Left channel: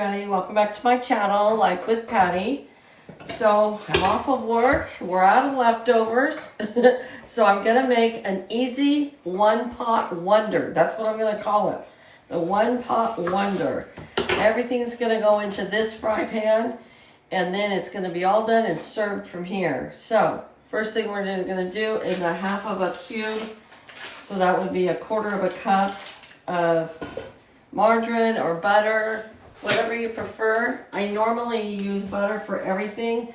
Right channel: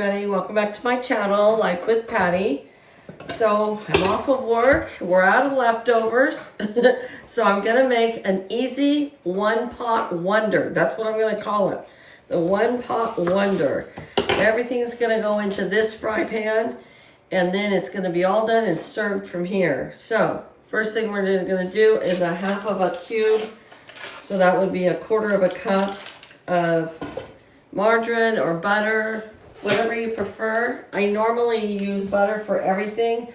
everybody. Welcome back to my channel, Life with Patty. So I'm off of work. We're out of leftovers. So I'm going to make an easy one-pot wonder. That's what I'm going to call it. The one-pot wonder. Everything's going to go into this fry pan. And then it's going to be all done and served from here. So first thing we're going to do is a half of a cube. So that would be a quarter of a cup of margarine or butter, whatever you prefer. I normally use butter for everything,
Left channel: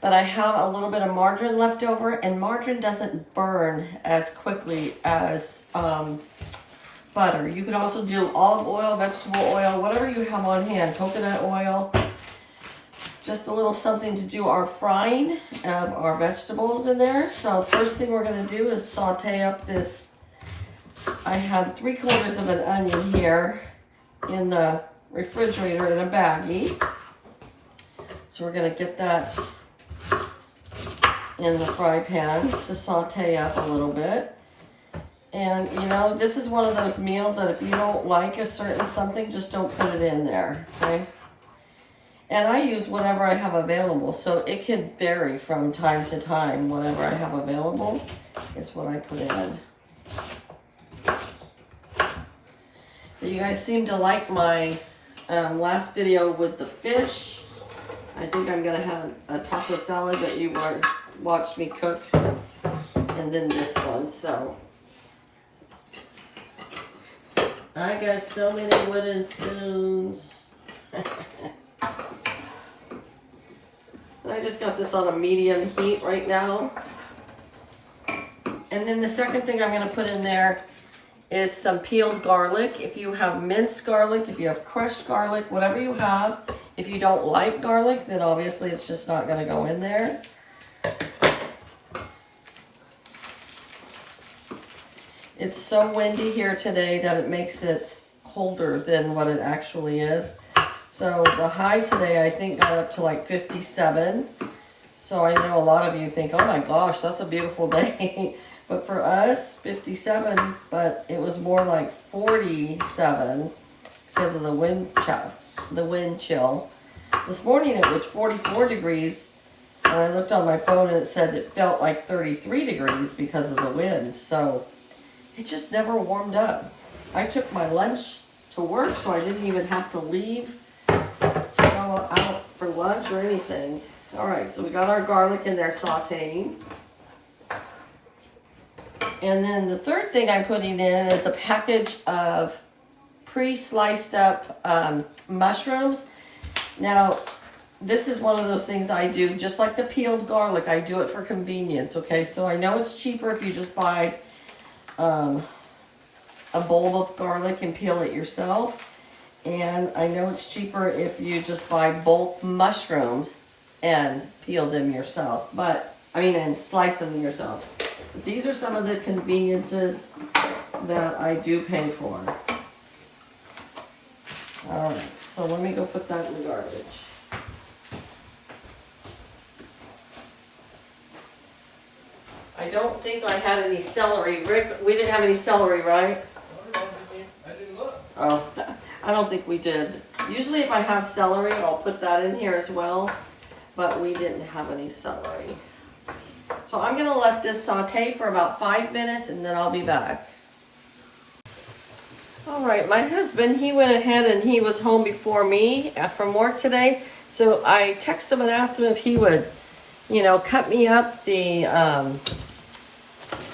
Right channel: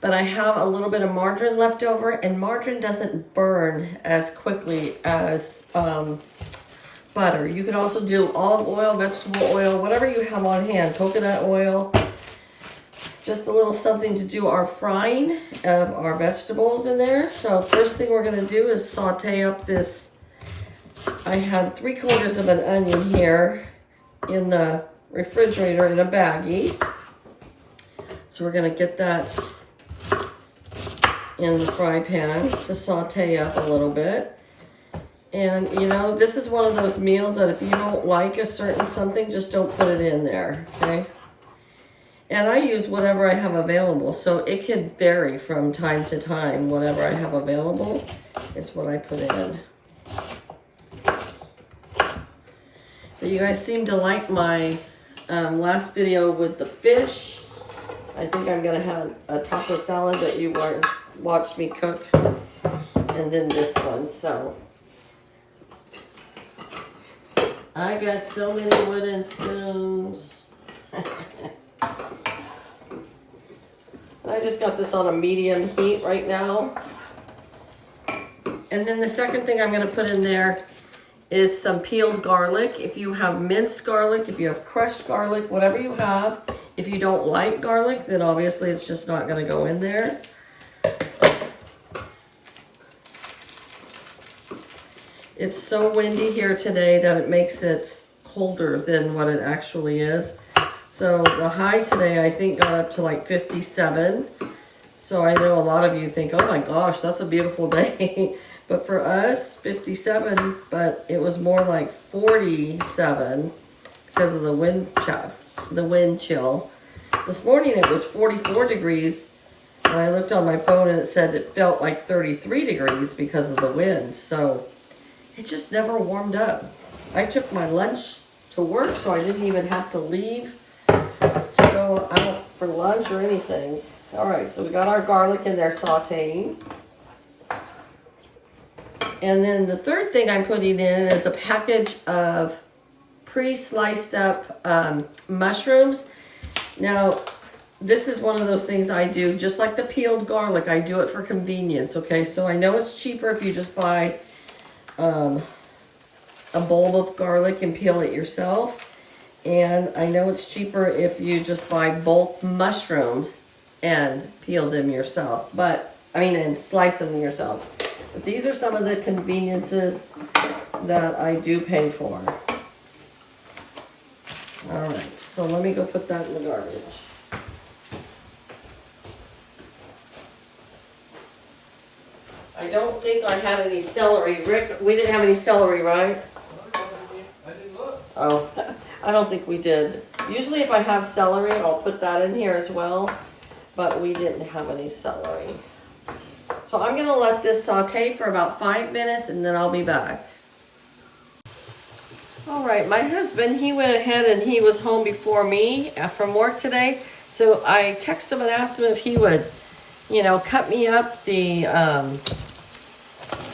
but I have a little bit of margarine left over, and margarine doesn't burn as quickly as butter. You could also do olive oil, vegetable oil, whatever you have on hand, coconut oil. Just a little something to do our frying of our vegetables in there. So first thing we're going to do is saute up this. I had 3/4 of an onion here in the refrigerator in a baggie. So we're going to get that in the fry pan to saute up a little bit. And you know, this is one of those meals that if you don't like a certain something, just don't put it in there, okay? And I use whatever I have available, so it can vary from time to time. Whatever I have available is what I put in. You guys seem to like my last video with the fish. I think I'm gonna have a taco salad that you watched me cook, and then this one. So I got so many wooden spoons. And I just got this on a medium heat right now. And then the second thing I'm gonna put in there is some peeled garlic. If you have minced garlic, if you have crushed garlic, whatever you have. If you don't like garlic, then obviously it's just not going to go in there. It's so windy here today that it makes it colder than what it actually is. So the high today I think got up to like 57. So I know a lot of you think, oh my gosh, that's a beautiful day. But for us, 57, but it was more like 47 because of the wind chill. This morning it was 44 degrees, and I looked on my phone and it said it felt like 33 degrees because of the wind. So it just never warmed up. I took my lunch to work, so I didn't even have to leave to go out for lunch or anything. All right, so we got our garlic in there sauteing. And then the third thing I'm putting in is a package of pre-sliced up mushrooms. Now, this is one of those things I do, just like the peeled garlic, I do it for convenience, okay? So I know it's cheaper if you just buy a bowl of garlic and peel it yourself. And I know it's cheaper if you just buy bulk mushrooms and peel them yourself. And slice them yourself. But these are some of the conveniences that I do pay for. All right, so let me go put that in the garbage. I don't think I had any celery. Rick, we didn't have any celery, right? I didn't look. Oh, I don't think we did. Usually if I have celery, I'll put that in here as well. But we didn't have any celery. So I'm going to let this saute for about 5 minutes and then I'll be back. All right, my husband, he went ahead and he was home before me from work today. So I texted him and asked him if he would, cut me up the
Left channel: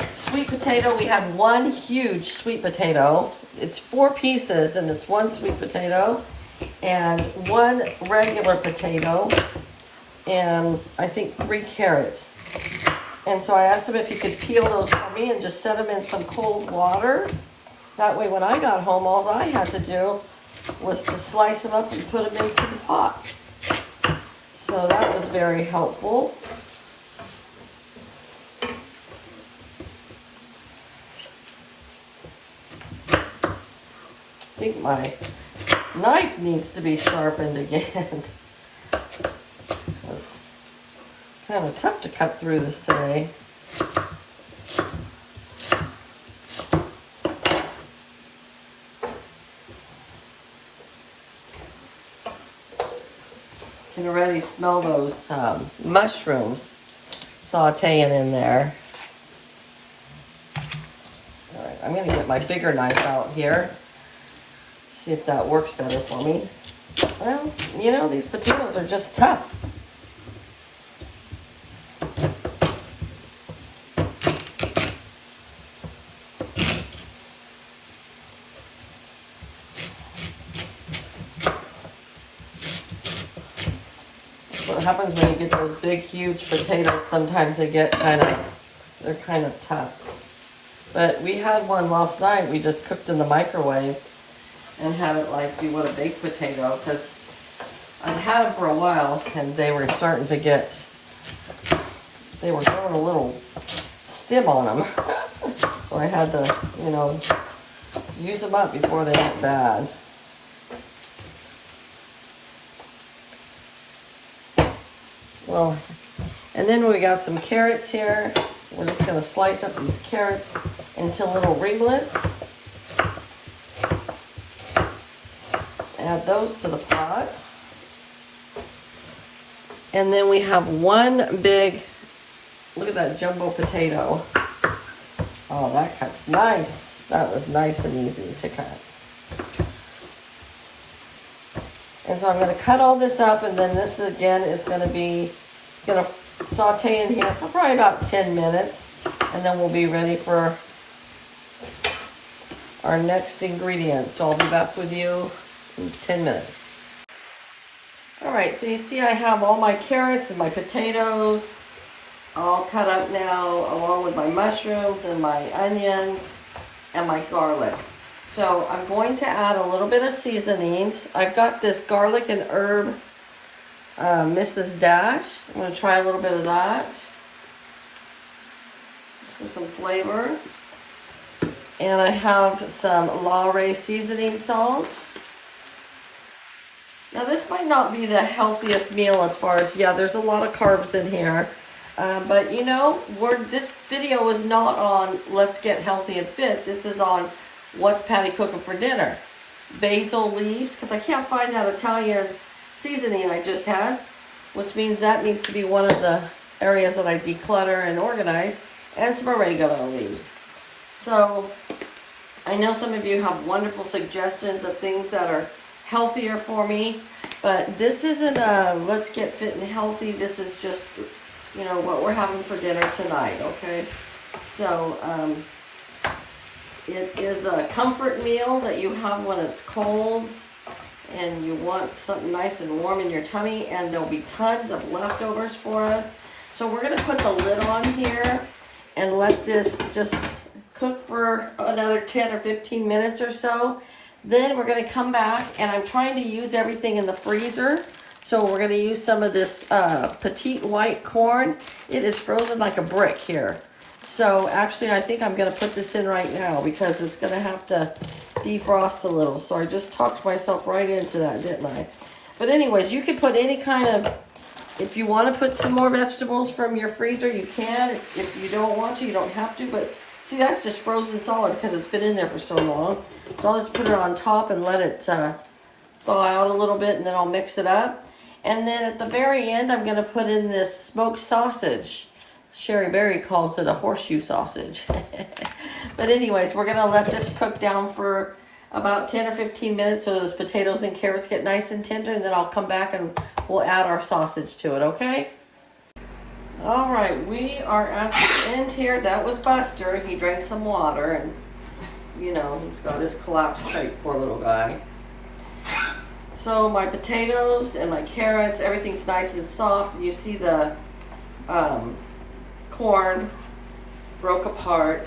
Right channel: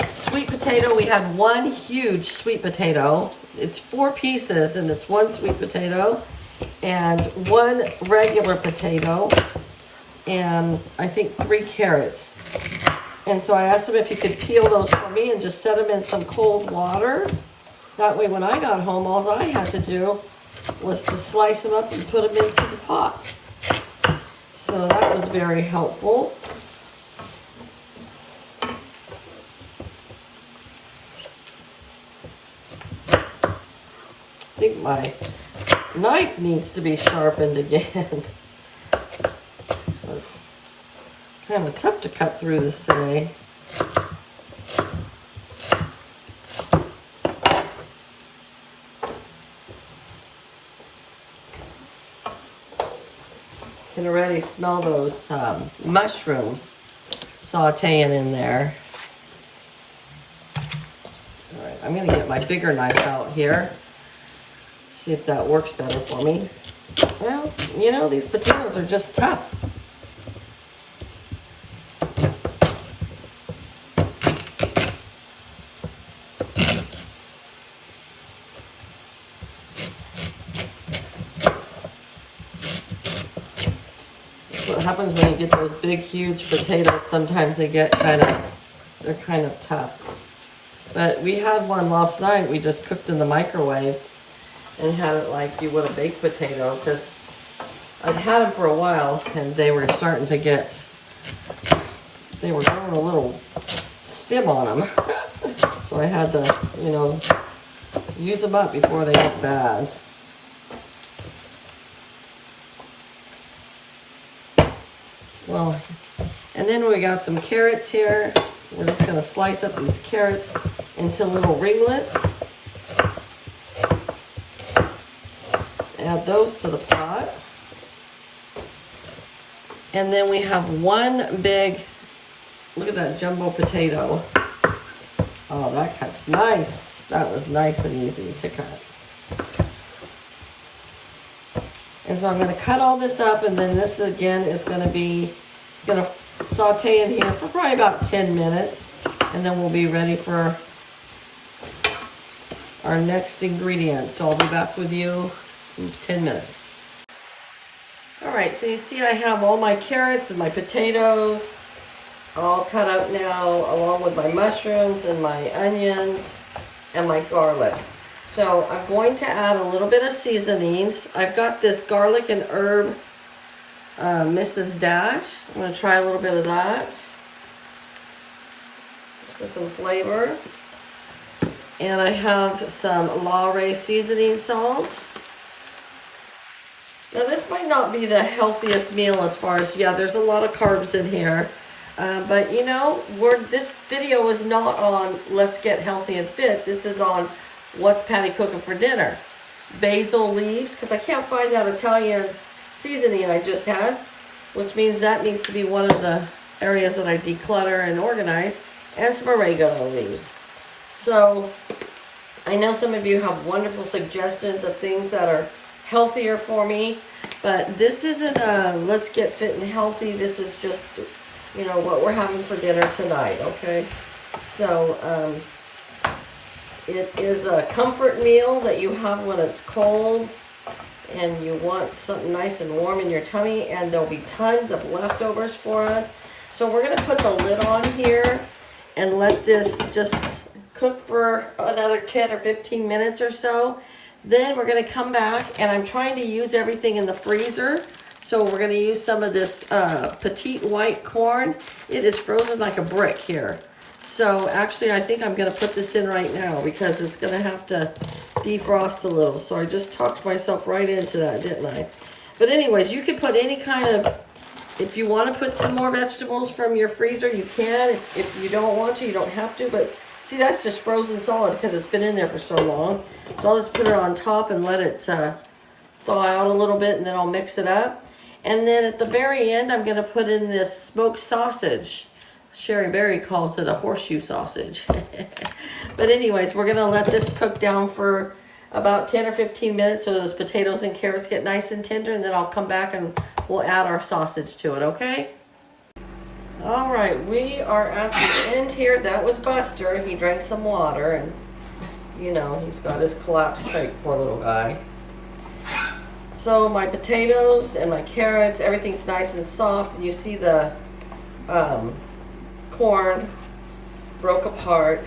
sweet potato. We had one huge sweet potato. It's 4 pieces and it's one sweet potato and one regular potato and I think 3 carrots. And so I asked him if he could peel those for me and just set them in some cold water. That way when I got home, all I had to do was to slice them up and put them into the pot. So that was very helpful. I think my knife needs to be sharpened again. It's kind of tough to cut through this today. smell those mushrooms sauteing in there. All right, I'm gonna get my bigger knife out here. See if that works better for me. Well, you know, these potatoes are just tough. What happens when you get those big, huge potatoes, sometimes they get they're kind of tough. But we had one last night, we just cooked in the microwave and had it like you would a baked potato, because I'd had them for a while and they were starting to they were growing a little stim on them. So I had to, you know, use them up before they went bad. Well, and then we got some carrots here. We're just gonna slice up these carrots into little ringlets. Add those to the pot. And then we have one big, look at that jumbo potato. Oh, that cuts nice. That was nice and easy to cut. And so I'm going to cut all this up, and then this again is going to saute in here for probably about 10 minutes, and then we'll be ready for our next ingredient. So I'll be back with you in 10 minutes. All right, so you see I have all my carrots and my potatoes all cut up now, along with my mushrooms and my onions and my garlic. So I'm going to add a little bit of seasonings. I've got this garlic and herb Mrs. Dash. I'm going to try a little bit of that, just for some flavor. And I have some Lawry seasoning salt. Now this might not be the healthiest meal as far as, yeah, there's a lot of carbs in here. But you know, this video is not on let's get healthy and fit. This is on what's Patty cooking for dinner. Basil leaves, because I can't find that Italian seasoning I just had, which means that needs to be one of the areas that I declutter and organize, and some oregano leaves. So I know some of you have wonderful suggestions of things that are healthier for me, but this isn't a let's get fit and healthy. This is just, you know, what we're having for dinner tonight, okay? So it is a comfort meal that you have when it's cold and you want something nice and warm in your tummy, and there'll be tons of leftovers for us. So we're gonna put the lid on here and let this just cook for another 10 or 15 minutes or so. Then we're gonna come back, and I'm trying to use everything in the freezer. So we're gonna use some of this petite white corn. It is frozen like a brick here. So actually I think I'm gonna put this in right now because it's gonna have to defrost a little. So I just talked myself right into that, didn't I? But anyways, you can put any kind of, if you wanna put some more vegetables from your freezer, you can. If you don't want to, you don't have to. But see, that's just frozen solid because it's been in there for so long. So I'll just put it on top and let it thaw out a little bit, and then I'll mix it up. And then at the very end, I'm gonna put in this smoked sausage. Sherry Berry calls it a horseshoe sausage. But anyways, we're gonna let this cook down for about 10 or 15 minutes so those potatoes and carrots get nice and tender, and then I'll come back and we'll add our sausage to it, okay? All right, we are at the end here. That was Buster. He drank some water, and you know, he's got his collapsed crate, poor little guy. So my potatoes and my carrots, everything's nice and soft, and you see the corn broke apart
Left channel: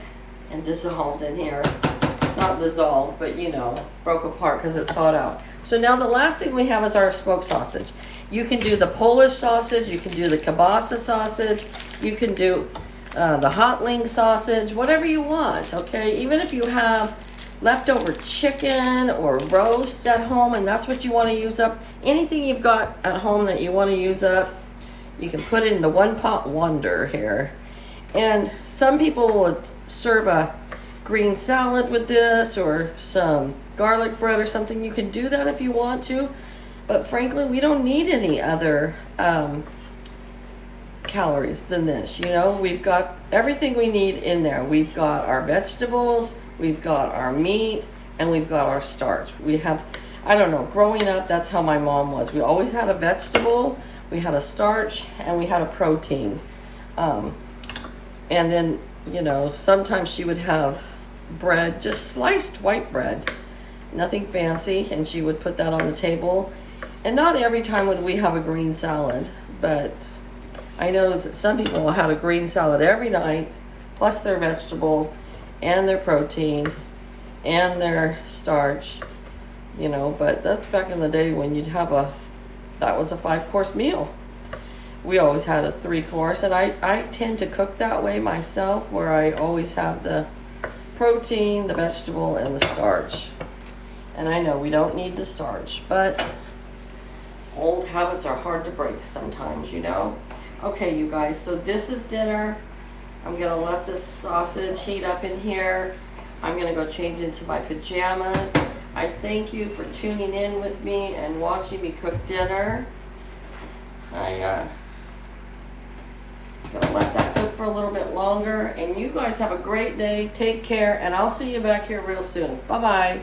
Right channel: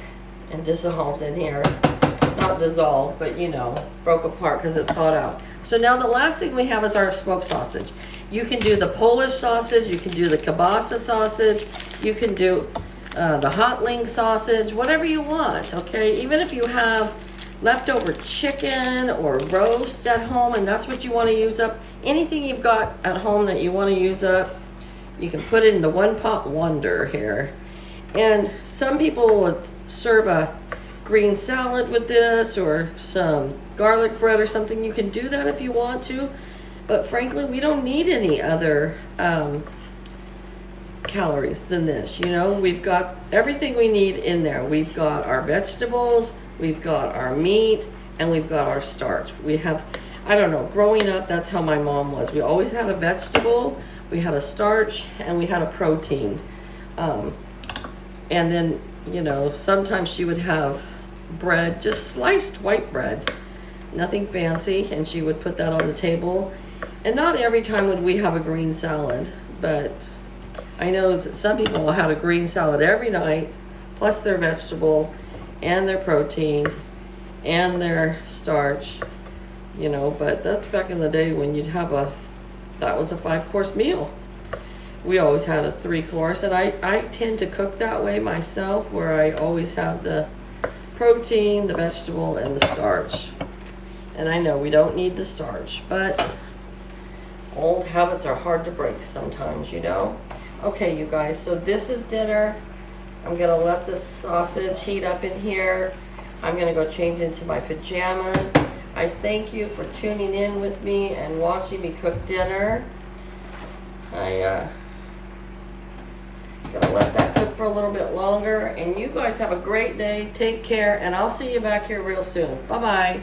and dissolved in here. Not dissolved, but you know, broke apart because it thawed out. So now the last thing we have is our smoked sausage. You can do the Polish sausage, you can do the kielbasa sausage, you can do the hot link sausage, whatever you want, okay? Even if you have leftover chicken or roast at home and that's what you want to use up, anything you've got at home that you want to use up, you can put it in the one pot wonder here. And some people would serve a green salad with this or some garlic bread or something. You can do that if you want to. But frankly, we don't need any other calories than this. You know, we've got everything we need in there. We've got our vegetables, we've got our meat, and we've got our starch. We have, I don't know, growing up, that's how my mom was. We always had a vegetable, we had a starch, and we had a protein. And then, you know, sometimes she would have bread, just sliced white bread, nothing fancy, and she would put that on the table. And not every time would we have a green salad, but I know that some people had a green salad every night, plus their vegetable and their protein and their starch, you know, but that's back in the day when you'd have that was a 5-course meal. We always had a 3-course, and I tend to cook that way myself, where I always have the protein, the vegetable, and the starch. And I know we don't need the starch, but old habits are hard to break sometimes, you know. Okay, you guys, so this is dinner. I'm gonna let this sausage heat up in here. I'm gonna go change into my pajamas. I thank you for tuning in with me and watching me cook dinner. Gonna let that cook for a little bit longer, and you guys have a great day. Take care, and I'll see you back here real soon. Bye-bye.